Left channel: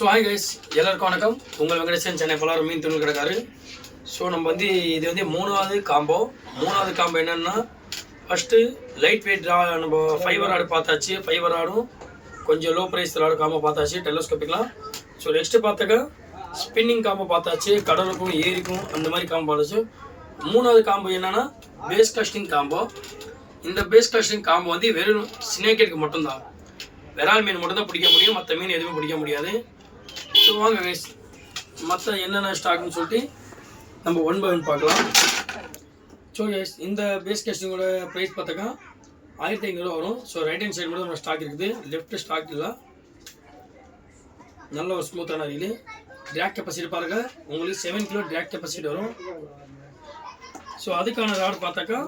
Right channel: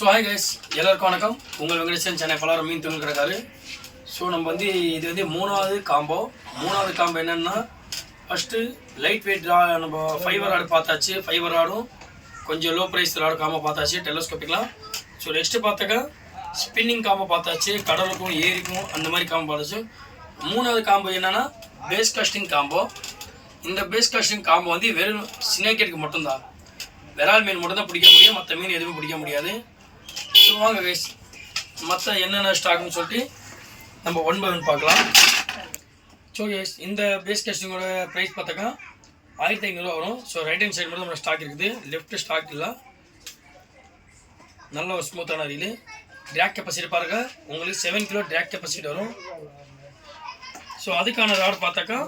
So hi guys, எல்லாருக்கும் வணக்கம். உங்கள் வெங்கடேசன், சென்னை பலவரம் மீன் துணி கிடக்காரு. ஸோ நம்ம இது வந்து மூணாவது காம்போ என்னென்னா, ஃபஸ்ட்டு லைட் வெயிட் நம்ம ஃபைபர் ராடு பார்த்தாச்சு. ஃபைபர் ராடும் கொஞ்சம் லோ ப்ரைஸ் ராடு காம்போ பார்த்தாச்சு, டெலஸ்கோப்பிக்லாம். ஸோ நெக்ஸ்ட்டு பார்த்தாக்கா ஸ்பின்னிங் காம்போ பார்த்தாச்சு, கடலுக்கும் ஏரிக்கும் அந்த மாதிரி காம்போ பார்த்தாச்சு. மூணாவது காம்போ என்னென்னா பேஸ் காஸ்டிங் காம்போ. இந்த பேஸ் காஸ்டிங் காம்போ வந்து வெறும் ஸ்னேக்கெட்டுக்கு மட்டும்தான், விரால் மீன் மட்டும்தான் பிடிக்க முடியும், மற்ற மீன் எதுவுமே பிடிக்க முடியாது. ஸோ வாங்க கைஸ், மற்ற என்னென்ன ஸ்டாக்னு சொல்லிட்டு நம்ம 1 by 1 பார்க்கலாம். ஸோ கைஸ், இந்த பேஸ் காஸ்டிங்கோட ப்ரைஸ் பார்த்தாக்கா 1500 வரும். ஸோ ரைட் ஹேண்ட் சைடு மட்டும் நம்ம ஸ்டாக் இருக்குது, லெஃப்ட் ஸ்டாக் இல்லை. நல்ல ஒரு ஸ்மூத்தான ரீலு. ட்ராக் கெப்பாசிட்டி பாருங்க, உங்களுக்கு 7 கிலோ ட்ராக் கெப்பாசிட்டி வரும். ஸோ அதுக்கான ராடு பார்த்தாக்கா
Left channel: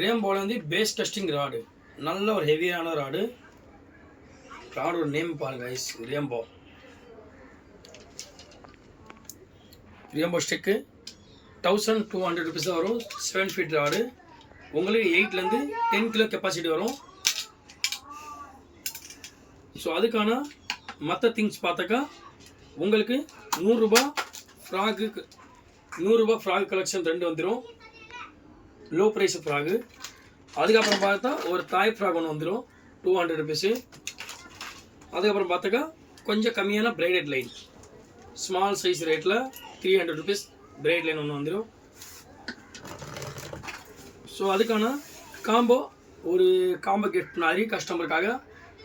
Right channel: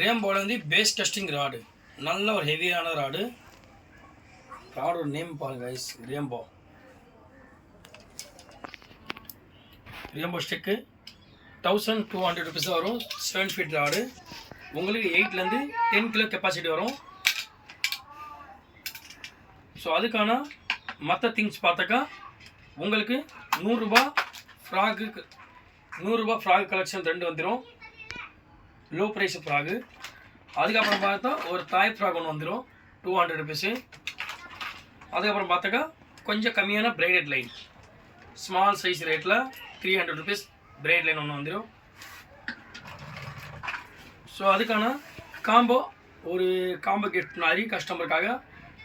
ரேம்போவில் வந்து பேஸ் காஸ்டிங் ராடு, நல்ல ஒரு ஹெவியான ராடோட நேம் பாருங்க கைஸ், ரேம்போ ஸ்டிக்கு 1200 rupees தான் வரும். 7 feet ராடு, உங்களுக்கு 8லேருந்து 10 கிலோ கெப்பாசிட்டி வரும். ஸோ அதுக்கான மற்ற திங்ஸ் பார்த்தாக்கா உங்களுக்கு 100 ரூபா ஃப்ராகு கலெக்ஷன் 2 வந்துடும், லோ ப்ரைஸ் ஃப்ராகு. அதுக்கப்புறம் பார்த்தா ஒரு தாய் ஃப்ராக் ஒன்று வந்துடும் 200 rupees. அதுக்கப்புறம் பார்த்தாக்கா கொஞ்சம் கம்மியான பிரைடட் லைன், ஸ்மால் சைஸ் ரேட்டில் 300 rupees பிரைட் லைன் ஒன்று வந்துடும். ஸோ அதுக்கான காம்போ, ஒரு காம்போ கிஃப்ட் மாதிரி கஸ்டமருக்காக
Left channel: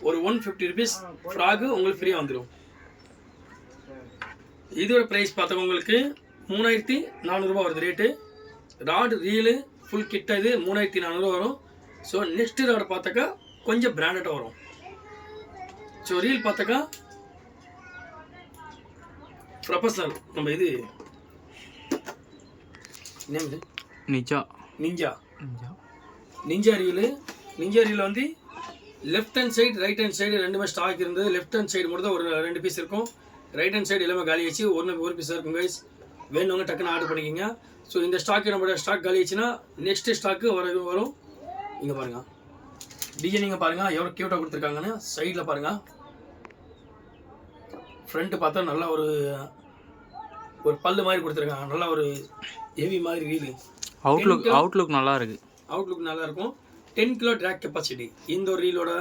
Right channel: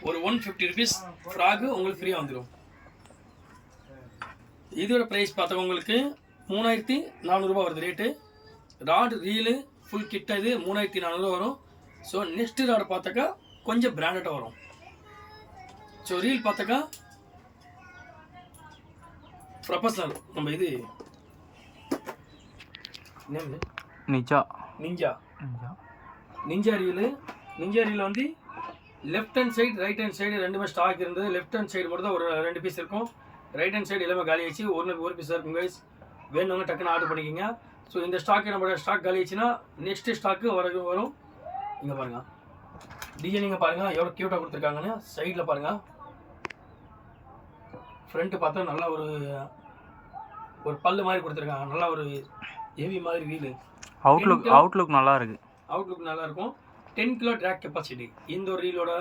ஒரு 150 rupees ஃப்ராகு உங்களுக்கு ஃப்ரீயாக வந்துடும். இதோட ப்ரைஸ் பார்த்தா உங்களுக்கு 3400 ரூபா வருது ரேட்டு. ராடு ரீலு ஃபுல் கிட்ட இது 3400 வரும். ஸோ நெக்ஸ்ட் ராடு பார்த்தாக்கா கொஞ்சம் பிராண்டடாக வரும். ஸோ ரீல் பார்த்தாக்கா ப்ரொஃபஷனல், நம்ம இது நேம் நிஞ்சா ரீல் வந்து left hand side right hand side ரெண்டுமே ஸ்டாக் இருந்தது. லெஃப்ட் ஹேண்ட் சைடு மட்டும் தான் ஒரு 2 பீஸ் இருக்கும், ரைட் ஹேண்ட் சைடு எல்லாமே காலி ஆச்சு. ஒரு பீஸ் இருக்கும் கைஸ், வேணுங்க டக்குன்னு ஆர்டர் பண்ணிக்கோங்க. ஸோ இந்த ஸ்டாக்கு நம்மளோட ஸ்டாக் காலி ஆச்சுன்னா நெக்ஸ்ட் ஸ்டாக்கு வரும். இங்கே பாருங்கள் டிசைனிங்க பாருங்கள் எவ்வளோ க்யூட்டாக கொடுத்துருக்காங்கன்னு. சைடில் பாருங்கள், ஃப்ரண்ட்டு பார்த்தா நல்லா ஒரு பல்லு மாதிரி கொடுத்துருக்காங்க, நல்லா ஒரு ஹெவி மாதிரி ரீலு. அவுட்லுக் நல்லா இருக்கும். 10 கிலோ ட்ராக் கெப்பாசிட்டி. இந்த ஒரு ரீலோட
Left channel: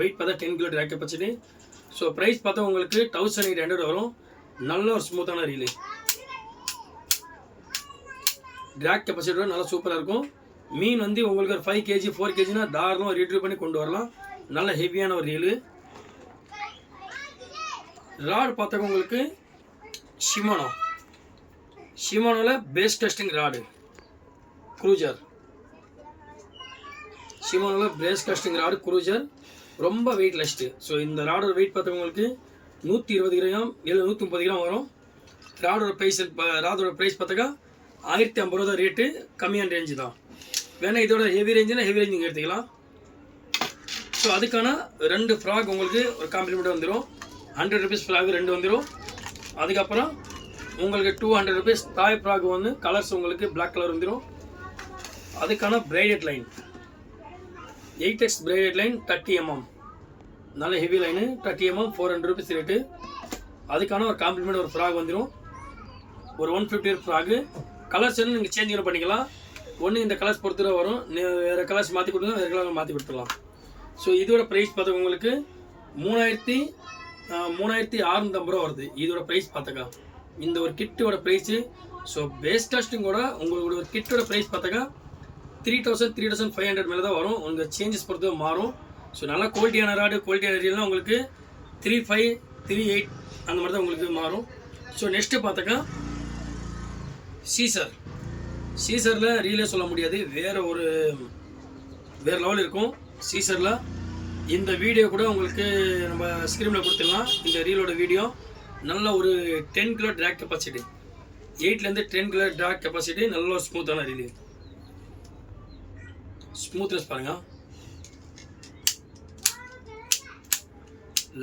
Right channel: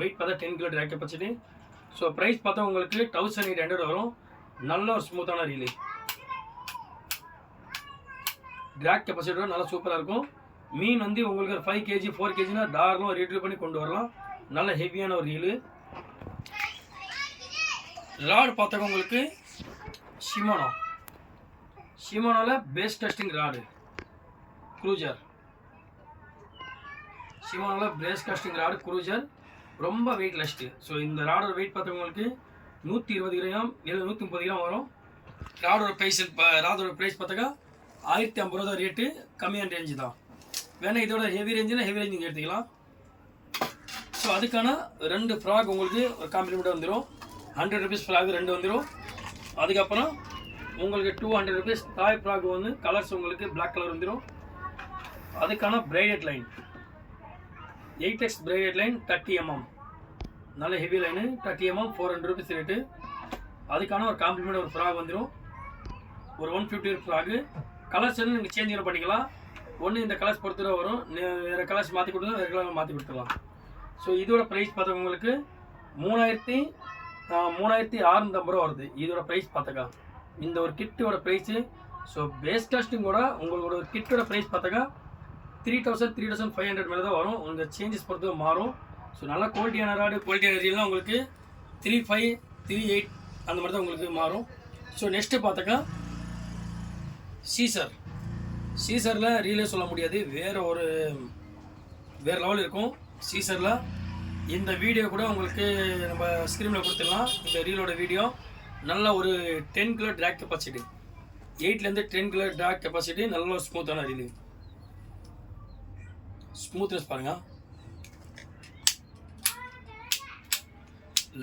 வெயிட் பார்த்தா 10 kilo track capacity. So price பார்த்தா உங்களுக்கு 1800 வரும். நல்ல ஒரு ஸ்மூத்தான ரீலு, ட்ராக் கெப்பாசிட்டியோட நல்லா சூப்பராக இருக்கும். மீன் வந்து உங்களுக்கு ஒரு 5 kg 4 kgனா தாராளமாக ரீட்ரீவ் பண்ணி கொண்டு வரலாம். நல்ல ஹெவியான ஒரு ரீலு. ராடு பார்த்தாக்க உங்களுக்கு ஷிமோனோவில் பேஸ் டெஸ்டிங் ராடு க்ரூஜர். ரொம்ப வெயிட் லெஸ்ட்டு. ஸோ இந்த ராடோட வெயிட் பார்த்தா உங்களுக்கு 120 கிராம் 130 கிராம் வரும். ராடோட ப்ரைஸ் பார்த்தாக்கா 1050 ரூபா தான் ரேட்டு, கம்மியான ரேஞ்சு தான். வேணா இதோட ஹெவி ரேஞ்ச் நீங்கள் எடுத்துக்கலாம். ஸோ அதுக்கான 2 ஃப்ராக் உங்களுக்கு ஒரு காம்ப்ளிமெண்ட் வந்துடும். 100 rupees ஃப்ராக் 2 வந்துடும். அதுக்கப்புறம் உங்களுக்கு 200 rupees தாய் ஃப்ராக் வந்து கலர்ஸ் உங்களுக்கு பிளாக் கலர் வந்துடும். அதுக்கான braided line 8x braided line 30 mm, நல்ல heavy line 30 mm 400 rupees rate. அதுக்கான ஒரு காம்ப்ளிமெண்ட் ஒரு ஃப்ராக் வந்துடும், ஒரு 150 ஃப்ராகு. கலர்ஸ் நீங்கள் சேஞ்ச் பண்ணிக்கலாம். ஒன்று இந்த கலர்ஸ் பொறுத்து வரும், வேறு கலர்ஸ் மாற்றி கொடுத்தா வேறு கலர் மாற்றி கொடுத்துடலாம். ஸோ இதோட ப்ரைஸ் பார்த்தா உங்களுக்கு 3650 ரூபா வருது இதோட ப்ரைஸ் பார்த்தாக்கா. இந்த ஒரு கிட்டோட ப்ரைஸு. ஸோ பேஸ் காஸ்டிங்கோட உங்களோட ஒரு கிட்டோட ப்ரைஸ் பார்த்தாக்கா 3500 மேலே தான் வரும். உங்கள் சேஞ்சஸ் பொறுத்து மாறும். ஸோ நல்லா குவாலிட்டியான ராடு குவாலிட்டியான ரீல்லாம் உங்களுக்கு 3500 3800 அந்த மாதிரி தான் உங்களுக்கு மாறும். ஸோ நெக்ஸ்ட்டு பார்த்தாக்கா சீசரில் ரீலே சொல்ல முடியாது, வேறு லெவல் இருக்கும் சீசரில். இந்த வீடியோ கூட உங்களுக்கு நம்ம ஸ்க்ரீனில் கொடுத்துடலாம். இந்த ரீலோட வீடியோ நல்ல ஒரு 10 கிலோ ட்ராக் கெப்பாசிட்டி, 8லேருந்து 10 கிலோ ட்ராக் கெப்பாசிட்டி, நல்ல ஒரு ஸ்மூத்தான ரீலு. ஸ்மூத்னஸ் பாருங்கள்,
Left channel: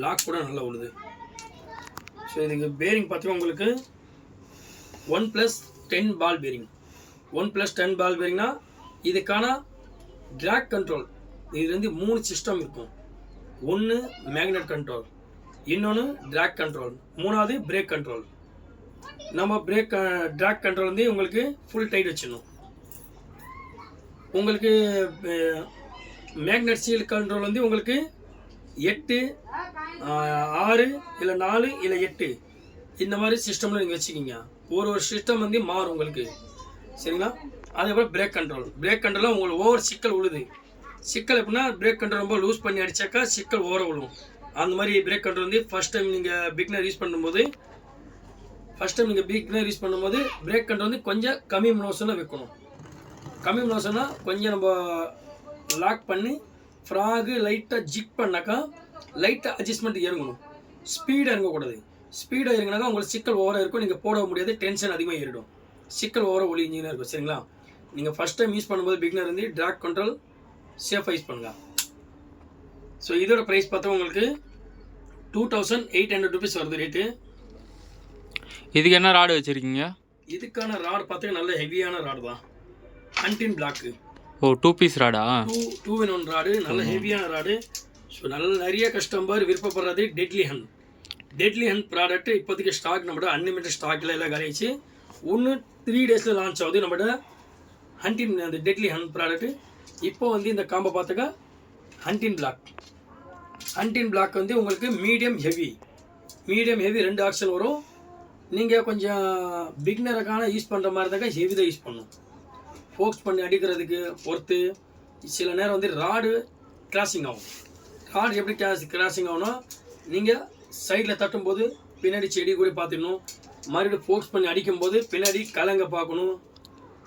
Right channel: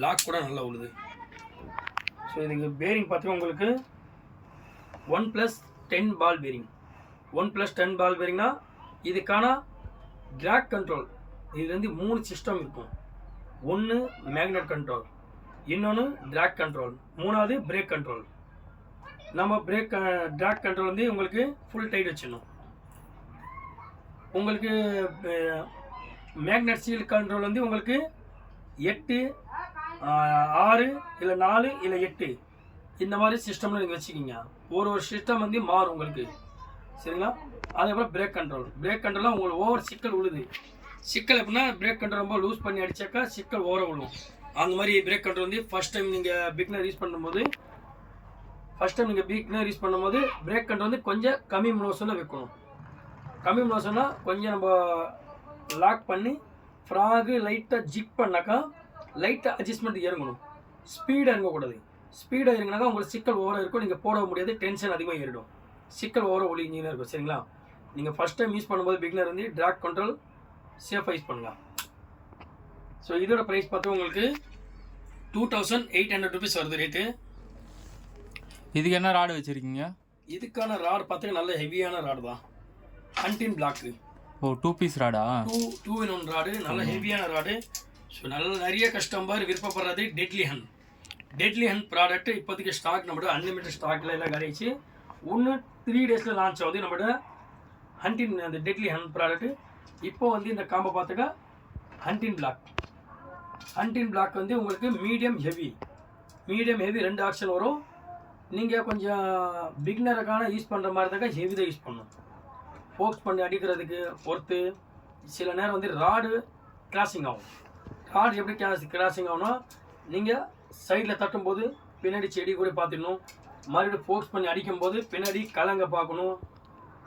லாக் கூட நல்லா உழுது. ஸோ இதுக்கு பேரிங் பார்த்தீங்கன்னா உங்களுக்கு 1+10 பால் பேரிங். 1+10 பால் பேரிங்னா இதுக்கான ட்ராக் கண்ட்ரோல் இது வந்து 3 சிஸ்டம் இருக்கும். ஒன்று மேக்னெட் கண்ட்ரோல், இன்னொன்று ட்ராக் கண்ட்ரோல், மூணாவது பிரேக் கண்ட்ரோல். நம்ம ட்ராக் கண்ட்ரோல் வந்து உங்களுக்கு ஃபுல் டைட் வச்சிடணும். உங்களுக்கு மேக்னெட் சீல் கண்ட்ரோல் வந்து உங்களுக்கு 8, 6 இல்லை 4 இல்லை 8 இந்த மாதிரி சிஸ்டமில் நீங்கள் வச்சுக்கிங்க. ஒரு சிஸ்டம் வந்து மாறும் உங்களுக்கு, சரிங்களா? அதேபோல் பிரேக் கண்ட்ரோலில் உங்களுக்கு ஓவர் சிக்கல் விழுது. சிக்கல் எப்படின்னா பிரேக் கண்ட்ரோல் ரொம்ப லூஸ் பண்ணி அடித்தாக்கா சிக்கல் ஓவர விழும். அந்த மாதிரி பிரேக் கண்ட்ரோல் வந்து ஃபஸ்ட் டைம் நீங்கள் பிகினர் யூஸ் பண்ணும்போது பிரேக் கண்ட்ரோல் வந்து கொஞ்சம் கம்மி மோஷனில் வைக்கணும். கம்மி மோஷன்னா கொஞ்சம் நம்ம லாக் பண்ணி ஃப்ராகு லைட்டாக ஜிக் பண்ணாக்கா லைட்டாக அட்ஜஸ்ட்மெண்ட் இறங்கணும். ஸ்பீடாக இறங்கக்கூடாது. ஸ்பீடாக இறங்கினாக்கா உங்களுக்கு சிக்கல் ஓவராக இருக்கும், நீங்கள் போட முடியாது, டென்ஷன் அதிகமாக ஏறிடும், சிக்கல் ஓவராக ஒளிஞ்சிங்கன்னா இருக்கும், சரிங்களா? நீங்கள் ஃபஸ்ட் டைம் யூஸ் பண்ணும்போது பிகினர் வந்து ட்ராக் கண்ட்ரோல் சேஃபாக யூஸ் பண்ணலாம். ஸோ இதோட ப்ரைஸ் பார்த்தா உங்களுக்கு 2800 rupees வருது ரேட்டு. இதுக்கு என்ன ராடு வச்சுருக்கீங்க? இதுக்கான ராடு பார்த்தா நல்ல ஹெவியான ராடு தான், ஹண்டின் பிளாக்கு. ஓ 2 பீஸ் ராடா? 2 in 1 ராடு, நல்ல ஹெவியான ராடு. ஸோ நிறைய கஸ்டமர் விருப்பப்படுறது டெட்லி ஹண்ட் ப்ராடக்ட். இப்போதைக்கு ஸ்டாக் நம்மளோட அன்லிமிட்டட் ஸ்டாக்கில் எல்லாம் கழிச்சு இன்னும் 3 days லான்ச் ஆகுது நம்மளோட ஹண்டின் அந்த டெட்லி ஹண்ட் ப்ராடக்ட். இப்போ வந்து இந்த காம்போ பார்த்தாக்கா ஹண்டின் பிளாக் வந்து உங்களுக்கு மீடியம் ஹெவி 2 ஆப்ஷன் வரும். நீங்கள் கொஞ்சம் பிகினருக்கான யூஸ் பண்ணுற மாதிரி தாக்கா ஹெவி தான் யூஸ் பண்ணணும். ஃபோக்ஸ் பண்ணி அடிக்கிறதுக்கு பொறுத்து சில நேரம் வந்து ராடு கிராசிங் ஆகும். ராடு எப்படி கிராசிங் ஆகும்னா நீங்கள் சைடில் தட்டும்போது பின்னாடி செடி கூட பார்த்துக்கணும். மறுபடியும் ஃபோக்ஸ் பண்ணி அடிக்கும்போது பின்னாடி கலங்க பார்க்கணும்.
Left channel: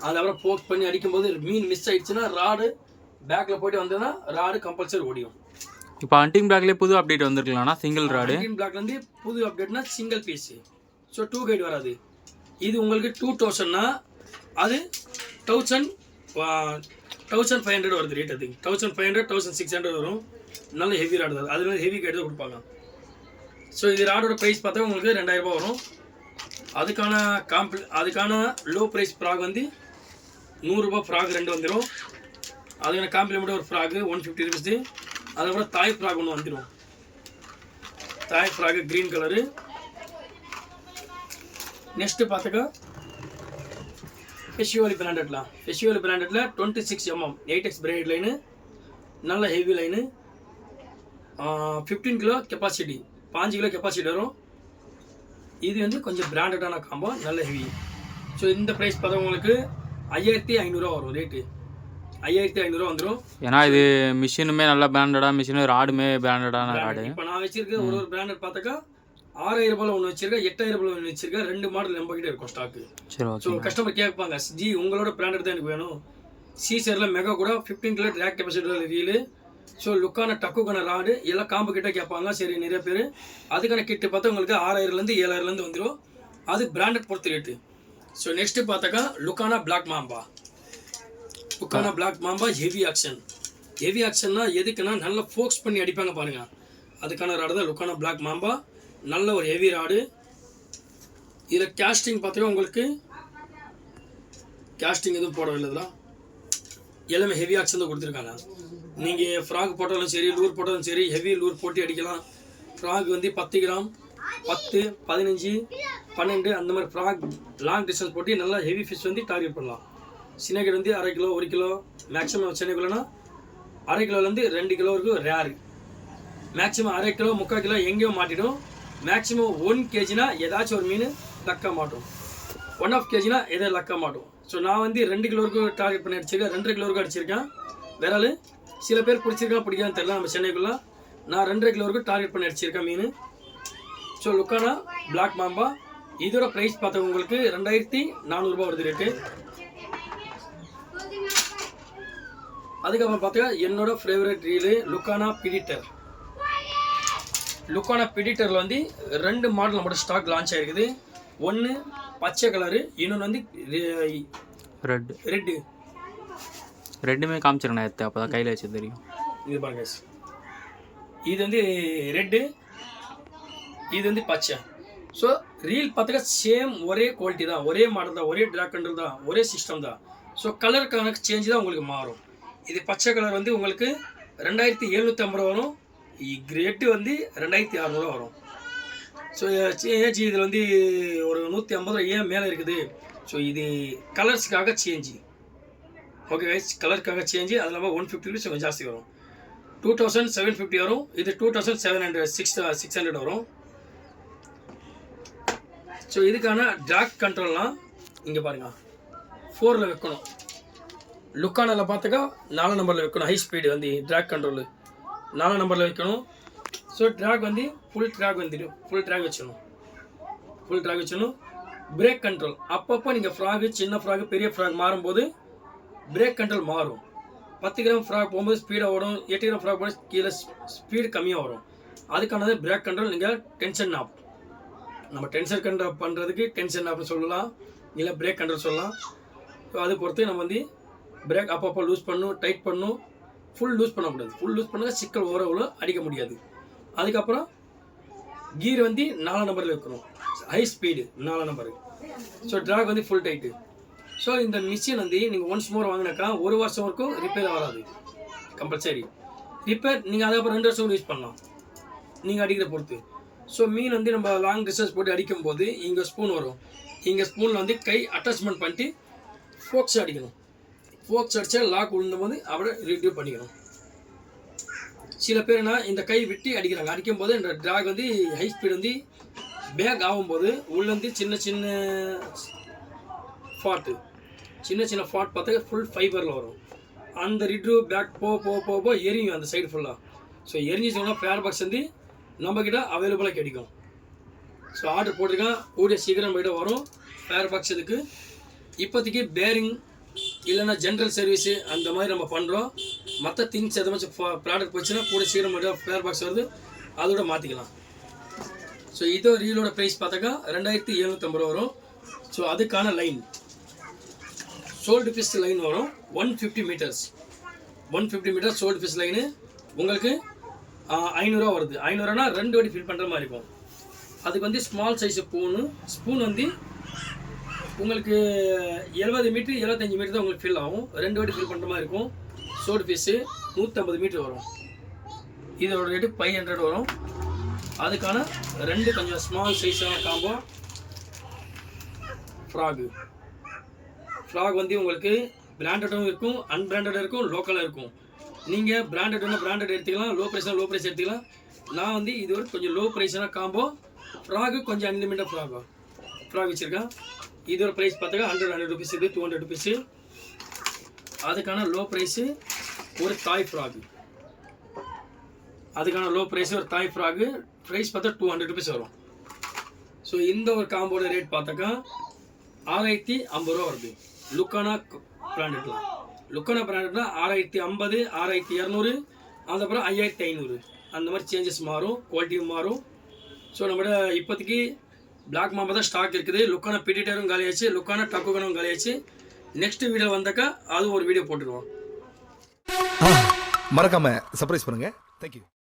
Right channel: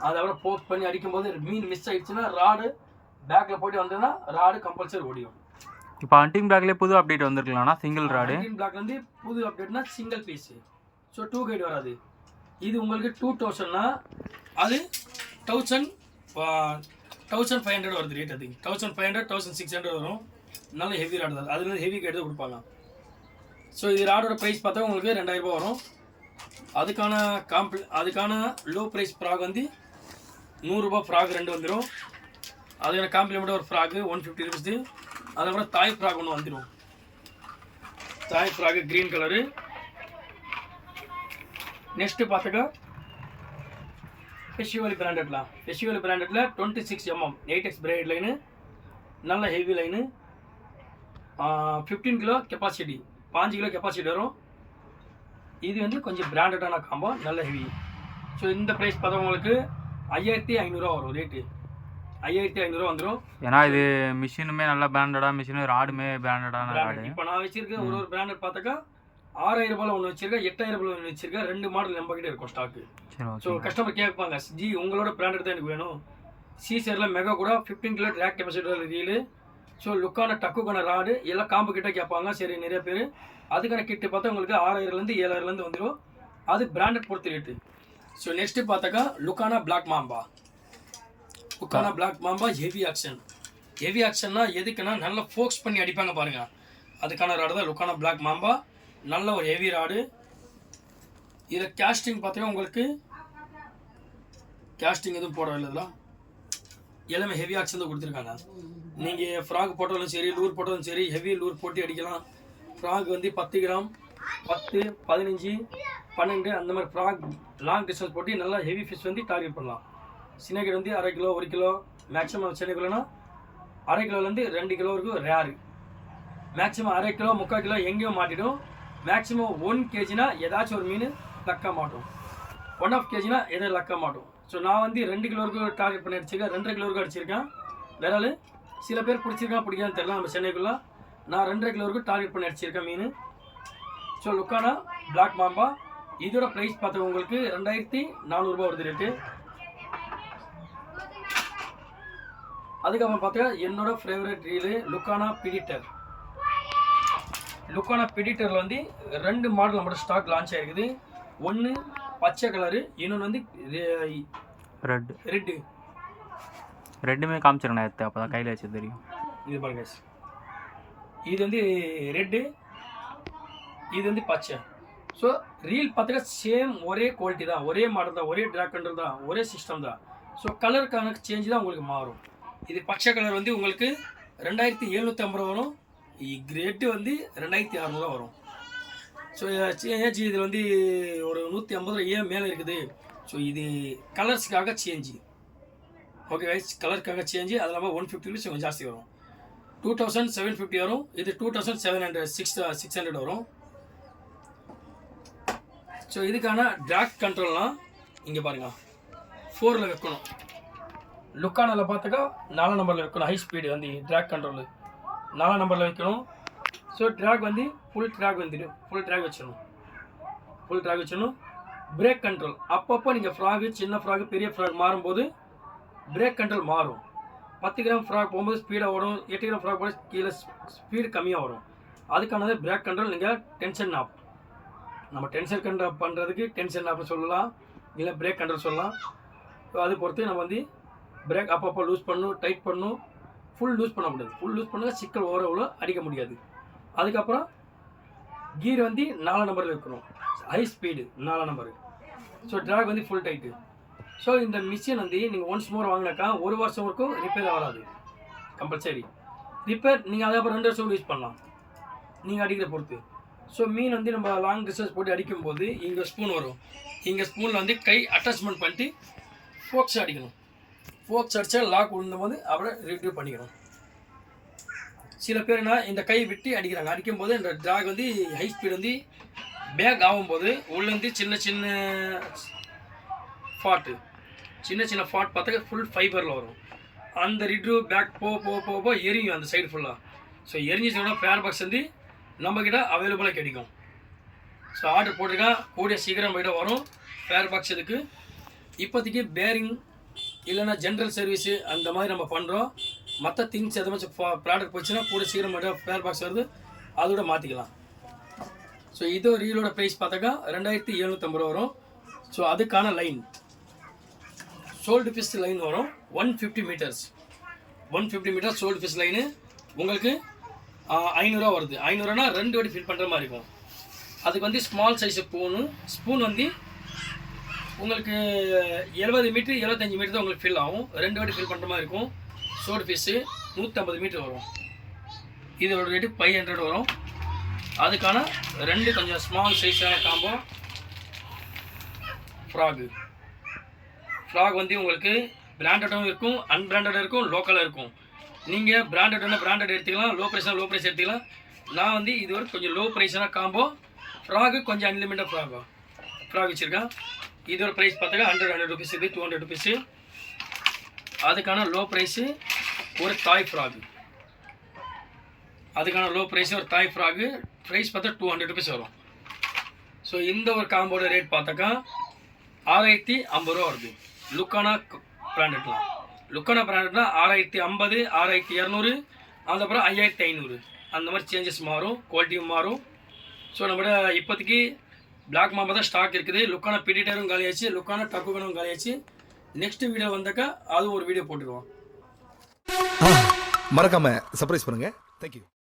அதுக்கப்புறம் ஃபோக்ஸ் பண்ணி அடிக்கும்போது மீன் மிஸ் ஆகிடுச்சுன்னா ராடு பேக்கில் போய்ட்டு வந்ததுன்னா ராடு கம்பல்சரி ஓடிடும். இப்போ ஹண்டிங் பிளாக்லேயே புது அப்டேட் வந்திருக்கலாம்னா சிங்கிள் ராடு. ஹண்டிங் பிளாக்லேருந்து புது அப்டேட்னா சிங்கிள் பீஸு. ஸோ 2 கைடு வராது. இது உங்களுக்கு 2000னா அது 1500 வருது ரேட். அது 1500 1600 வரும். நல்ல ஹெவி ராடு தான், அதுல ஹெவி கைடு தான் கொடுப்பாங்க. ஸோ இது ராடோட ப்ரைஸ் பார்த்தா உங்களுக்கு 2000 ரூபாய் வரும். அதுக்கான லோ ப்ரைஸ் ஃப்ராக் வந்து 100 ரூபாய் ஃப்ராக் 2 வந்துடும். அதுக்கான காம்ப்ளிமெண்ட் ஒரு ஃப்ராகு 150 rupees. அதுக்கப்புறம் தாய் ஃப்ராக் ஒன்று வந்துடும். Thai frog green colour. Next பார்த்துக்கா ஃபெஸ்டிவல் பிராண்டட்ல 26 mm 8x பிரைட் லைனு, நல்ல heavy line, 15 kilo capacity, 5 kilo capacity வரும். இது வந்து கொஞ்சம் பிராண்டடான காம்போ, நல்ல ஹெவி. ஸோ இந்த ப்ரைஸ் பார்த்தா உங்களுக்கு 5500 வரும் ரேட்டு. 5500 வந்துடும். ஏன்னா இது மிஷினுமே நல்ல பிராண்டடாக மிஷினு, ராடுமே பிராண்டடான ராடு. இப்போ நான் வச்சிருக்கேன் ஒரு பிராண்டட் பார்த்தாக்கா 6000 ரூபாயில் ஒன்று வச்சிருக்கேன், 8000 ரூபாயில் ஒன்று வச்சிருக்கேன். 2 மாடல் நம்ம கிட்டே இருக்கும் ஸ்டாக்கு. ஸோ கஸ்டமர் கேட்பாங்க, ஜி உங்களோட பிராண்டட் தான் எனக்கு வேணும். சீசரில் மெகா கூட 15 kilo track capacity reel. So லுக்கான டக்குக்கான ராடு எல்லாம் காம்பு கிட்ட கேட்பாங்க. சரி நிறைய பேர் அதுக்கான கிட்டு பார்த்தா உங்களுக்கு 6000லேருந்து 7000லேருந்து வந்துடும். அது பிராண்டட் பொறுத்து ரேட்டு. ஸோ நெக்ஸ்ட்டு பார்த்தாக்கா லுக்கானா பிளாக் மாம்பா ஹெவி ஆக்ஷன்னா எதுக்குன்னா நல்லா ஃபோக்ஸ் பண்ணி அடிப்பாங்க பாருங்க, அதுக்கான ராடு தான் லுக்கானா பிளாக் மாம்பா. நல்ல ஒரு ஹெவி ராடு. இதில் கேஸ்டிங் பார்த்தீங்கன்னா உங்களுக்கு கேஸ்டிங் எதுவும் போடவில்லை, இதெல்லாம் எல்லாமே ஹெவி ஆக்ஷன் தான் கொடுத்துருக்காங்க. நீங்கள் ஃப்ராக் போட்டாலும் சரி, லூர் போட்டாலும் சரி, ஹெவி லூர் போட்டு அடிக்கலாம். ஃப்ராக் வந்து 10 கிராம், 10, 15, 12 அந்த மாதிரி ஃப்ராக் லாங் டிஸ்டன்ஸ் போட்டு நல்லா ஹெவி ஃபிஷ் வந்து டார்கெட் பண்ணலாம். சின்ன கிலோ வந்து 1/2 கிலோ 1 கிலோ மேக்ஸிமம். சின்ன கிலோனா 1/2 கிலோலேருந்து 2 கிலோ வரைக்கும் ரேரு. மேக்ஸிமம் 1/2 கிலோ 3/4 கிலோ எங்கேயோ மாட்டிடும். மேக்ஸிமம் 1 kgனா ஏதாச்சும் ஒரு மீன் லக்கா மாட்டோம். 1/2 kgனா எதோ லக்கா மாட்டோம். ஸோ நான் வந்து 2 கிலோ வரைக்கும் டார்கெட் பண்ணி அடிச்சிருக்கேன், 2.5 கிலோ வரைக்கும் அடிச்சிருக்கேன். விரால் சில பேர் பிடிச்சிருக்கா பிடிக்கான்னு தெரியல, நம்ம சென்னைக்குள்ளே நான் 2.5 கிலோ வரைக்கும் டார்கெட் பண்ணி அடிச்சிருக்கேன் மீன். ஸோ லுக்கானா பிளாக் மாம்பா இதோட ப்ரைஸ் பார்த்தா உங்களுக்கு 2400 ரூபாய் வருது ரேட்டு. அதுக்கப்புறம் பார்த்தா என்னோட ஃபேவரட் ரீலு லுக்கானா பிடிட்டரில் வந்து 2 மாடல் நம்மளோட ஸ்டாக் லான்ச் ஆகிருக்குது. ஒன்று பச்சை கலரு, இன்னொன்று வந்து ரெட்டுமே காமிச்சிருண்ணா எடுத்து அப்போ தான் கையில் வச்சு தெரியும். இது பாருங்க, இது வந்து ரெட்டு, இது வந்து பச்சை. ஸோ ரீல் பார்த்துக்க சேம் ஒரே குவாலிட்டி தான், ஒரே மாடல் தான், ஒரே ட்ராக் கண்ட்ரோல் தான், ஒரே சிஸ்டம் தான். ஸோ கலருக்கான சேஞ்ச் தான் உங்களுக்கு மாறும். இது பச்சை கலர் வந்து உங்களுக்கு 2750 வரும், ரெட்டு வந்து 2600 வரும். ஸோ ஏஜ் இதில் வந்து ஒரு 150 ஏன் மேலே இருக்குது. ஸோ இது கலர்ஸ்க்காக சேஞ்சு. ஓகே கைஸ், கலருக்காக சேஞ்சு. அது இல்லாமல் 150 ருபீஸ் கொஞ்சம் ஜாஸ்தி வரும். 2750 வரும். இது 2700 வரும். ஸோ இதுக்கான ட்ராக் கண்ட்ரோல்லாம் இங்கே பாருங்கள், 4ல் வைக்கணும். லுக்கானில் பார்த்தாக்கா 4 நம்பரில் வைக்கணும். ஹை ஸ்பீடு வந்து ட்ராக் கண்ட்ரோலு 4 நம்பரில் வைக்கணும். ஸோ ட்ராக் வந்து ஃபுல் ட்ராக் வந்துடும். ஃபுல் ட்ராக் வச்சிடணும். பிரேக் கண்ட்ரோல் அப்பப்போ நீங்கள் ஃப்ராகு, சின்ன ஃப்ராகு, பெரிய ஃப்ராக் மாறும்போது பிரேக் கண்ட்ரோல் மாறும். 10 கிராம் ஃப்ராக் போகும்போது ஸ்பீடாக ஓடும். 8 கிராம் ஃப்ராக் போகும்போது கீழே ஸ்பீடு கம்மியாக வரும். அதுக்கானது பிரேக் கண்ட்ரோல். நீங்கள் டென்ஷன் நாப், நம்ம டென்ஷன் கண்ட்ரோல் பண்ணுறதுக்கு டென்ஷன் நாப்னு சொல்லலாம், இல்லை பிரேக் கண்ட்ரோல் சொல்லலாம். ஸோ அது பொறுத்து நம்ம வந்து பிரேக் அப்பப்போ லூஸ் பண்ணணும், டைட் பண்ணணும். ஃபுல் லூஸ் பண்ணக்கூடாது. ஃபுல் லூஸ் பண்ணால் சிக்கல் ஓரளவு அடிக்க முடியாது. அதுக்கப்புறம் கீர் வந்து 4 நம்பரில் வைக்கணும். High speed 4 number. So drag வந்து ஃபுல் டைட்டு. ஸோ இந்த மிஷின் வந்து நீங்கள் ஒன்ஸ் மோர் வாங்கினாக்கா 1 வருஷம் வரைக்கும் ரிப்பேர் வராது. Compulsory repair. நீங்கள் அதுக்கப்புறம் 2 வருஷம் யூஸ் பண்ணலாம், நீங்கள் அடிக்கிற பொறுத்து. ஸோ மீன் வந்து நம்ம லாங் டிஸ்டன்ஸ் போட்டு அடிக்கும்போது இங்கே ஸ்பூன் வரும். இங்கே ஸ்பூனில் வந்து கை அட்டாச்மெண்ட் பண்ணிட்டு ஃபோக்ஸ் அடிக்கணும். ஃபோக்ஸ் அடித்தா லாக் விழுந்தபோது அப்படியே ரிட்யூவ் பண்ணிக்கணும். சில பேர்னா இந்த கை விட்டு அடிக்கிறாங்க. அடிக்கும்போது இந்த ட்ராக் வந்து ஹை ஸ்பீடு வந்து பேக் ஆகும்போது உள்ளேருந்து சின்ன ஃபாட் பார்த்தா ஃபுல் ஃபைபரில் வரும். அந்த ரிட்யூவ் பேக் போக எரியும் அந்த சைடு ஃபுல்லாக. ஸோ எரிஞ்சிச்சோன்னா ஃபேர் பாக்ஸ் வந்து நம்மக்கிட்ட அவைலபிளாக கிடைக்கும். ஸோ ஆர்டர் போட்டிருக்கேன், கூடிய சீக்கிரம் போய்ட்டு வரும் ஃபேர் பாக்ஸ். இதுக்கு இப்போதைக்கு பேரிங் இல்லைன்னா ஜென்ரல் சர்வீஸு அந்த மாதிரி நம்ம பண்ணுறோம். மற்ற திங்ஸ் எதாச்சும் ப்ராடக்ட் போச்சுன்னா கூட சீக்கிரம் மட்டும் ஃபேர் பாக்ஸ் வருது, அதோட மாற்றிக்கலாம். ஸோ இதோ ரீலோட ப்ரைஸ் பார்த்தாக்கா 2750 ரூபா வரும். ஸோ அதுக்கான லைன் சோல்டு ஃபிஷ் லைன் வரும் 150 meters. 150 meter sold fish line உங்களுக்கு 500 ரூபா வருது. 500 2 வாட்டி ஃபில் பண்ணுற மாதிரி இருக்கும். அதுக்கு வந்து ஸ்மால் சைஸ் ஸ்பூன் வந்து உங்களுக்கு 70 மீட்டர் 75 மீட்டர் தான் உங்களுக்கு ஃபில் ஆகும். 2 வாட்டி ஃபில் பண்ணுற மாதிரி இருக்கும். சோல்டு ஃபிஷ்ஷு 150 மீட்டர் வரும். இதோட ரேட்டு 500 வரும். அதுக்கான 2 கொஞ்சம் ஸ்மால் சைஸான காம்போ ஃப்ராக் வந்து உங்களுக்கு பிராண்டடும் இருக்கும், அன்பிராண்டடும் இருக்கும், லோக்கலாக இருக்கும். நீங்கள் பிராண்டட் எடுத்துக்கலாம், லோ ப்ரைஸ் எடுத்துக்கலாம். நான் வந்து இது ஒரு கொஞ்சம் லோ ப்ரைஸான காம்போ ஃப்ராகு, கொஞ்சம் அன்லிமிட்டட் ஃப்ராக் வச்சுருக்கேன். இதோட ப்ரைஸ் பார்த்தாக்கா 100 ருபீஸ், இது 200 ருபீஸு. அதுக்கான லோ ப்ரைஸு ஒரு தாய் ஃப்ராகு. அதுக்கான லோ ப்ரைஸு ஒரு தாய் ஃப்ராகு ப்ரைஸ் பார்த்தா 200 ருபீஸ் வரும். ஸோ இந்த ஒரு காம்போட ரேட் பார்த்தாக்கா 6050 ரூபா வருது. லுக்கானா பிராண்டட்லாம் 6050, 6200, அதுக்கப்புறம் 5500 அந்த மாதிரி சேஞ்சஸ் மாறும், குவாலிட்டியும் மாறும். ஸோ நம்மளோட இப்போதைக்கு பிளாக் மாம்பா தான் ஸ்டாக் இருக்குது. லுக்கான பிடிட்டரும் காலியாச்சு, லுக்கான டக்குகனும் காலியாச்சு. நெக்ஸ்ட் வீடியோ வந்தாக்கா அது ஒரு வீடியோ போட்டுருவோம். மறக்காம சர்ப்ரைஸ் பண்ணுங்க. தேங்க்யூ.